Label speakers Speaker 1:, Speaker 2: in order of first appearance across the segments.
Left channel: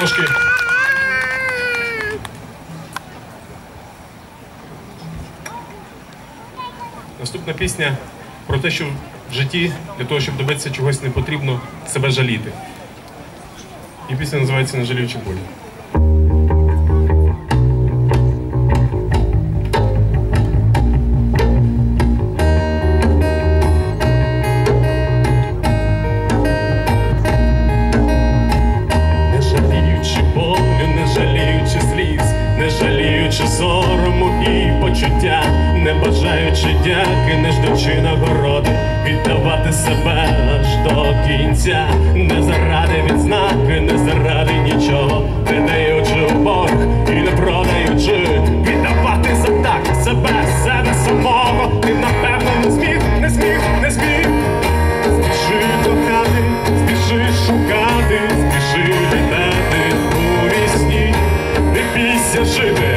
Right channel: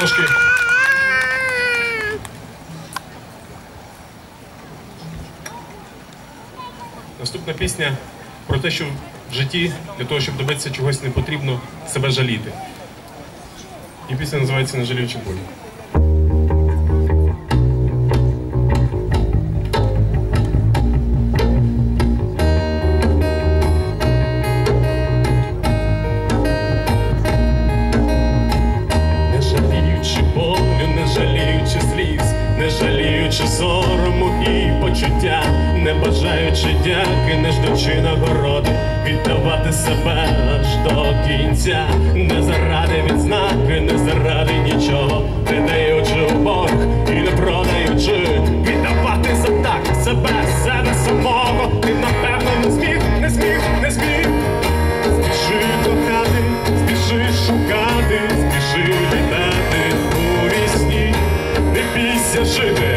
Speaker 1: трошки. Наступна пісня про те, що в житті для того, щоб добитися чогось, не потрібно себе жаліти. І пісня називається Не жаліючи болі. Почуття, не бажаючи дяки, не ждучи нагороди, віддавати себе аж до кінця, не заради відзнаки, не заради нічого, не даючи в борг і не продаючи, віддавати за так себе, себе самого, ти напевно не зміг, не зміг, не зміг. Спіши кохати, спіши шукати, спіши літати у вісні, не бійся жити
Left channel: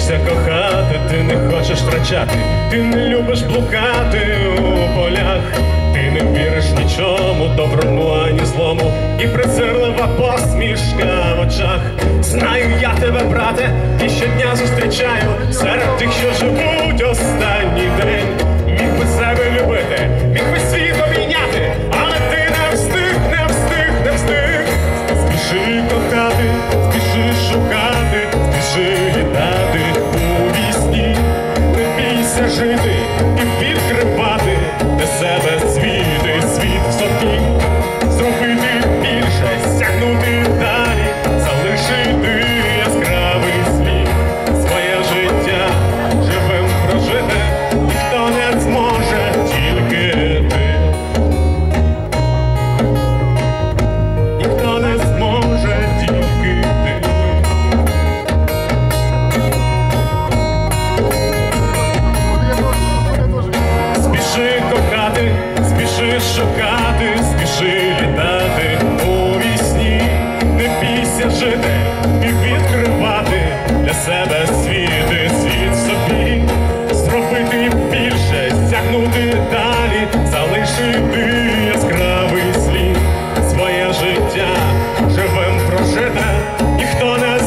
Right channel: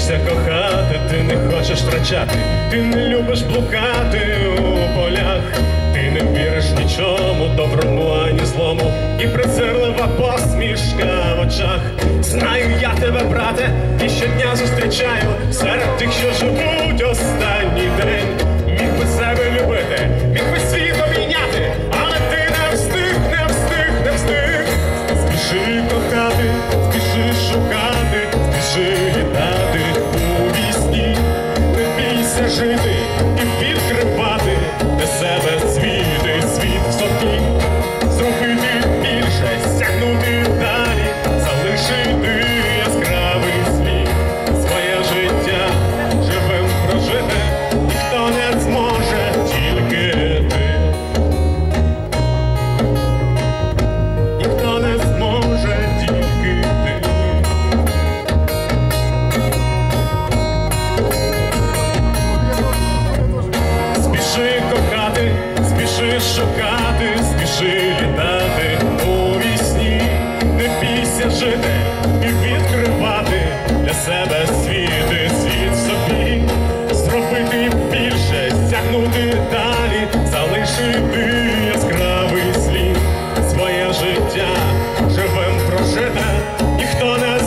Speaker 1: боїшся кохати, ти не хочеш втрачати, ти не любиш блукати у полях, ти не віриш нічому, доброму, ані злому, і призирлива посмішка в очах. Знаю я тебе, брате, і щодня зустрічаю серед тих, що живуть останній день. Міг би себе любити, міг би світ обійняти, але ти не встиг, не встиг, не встиг. Спіши кохати, спіши шукати, спіши. жити і підкрити. знати, спіши шукати, спіши літати у вісні, не бійся жити і відкривати для себе світи, світ в собі, зробити більше, стягнути далі, залишити яскравий слід, своє життя живим прожите, ніхто не.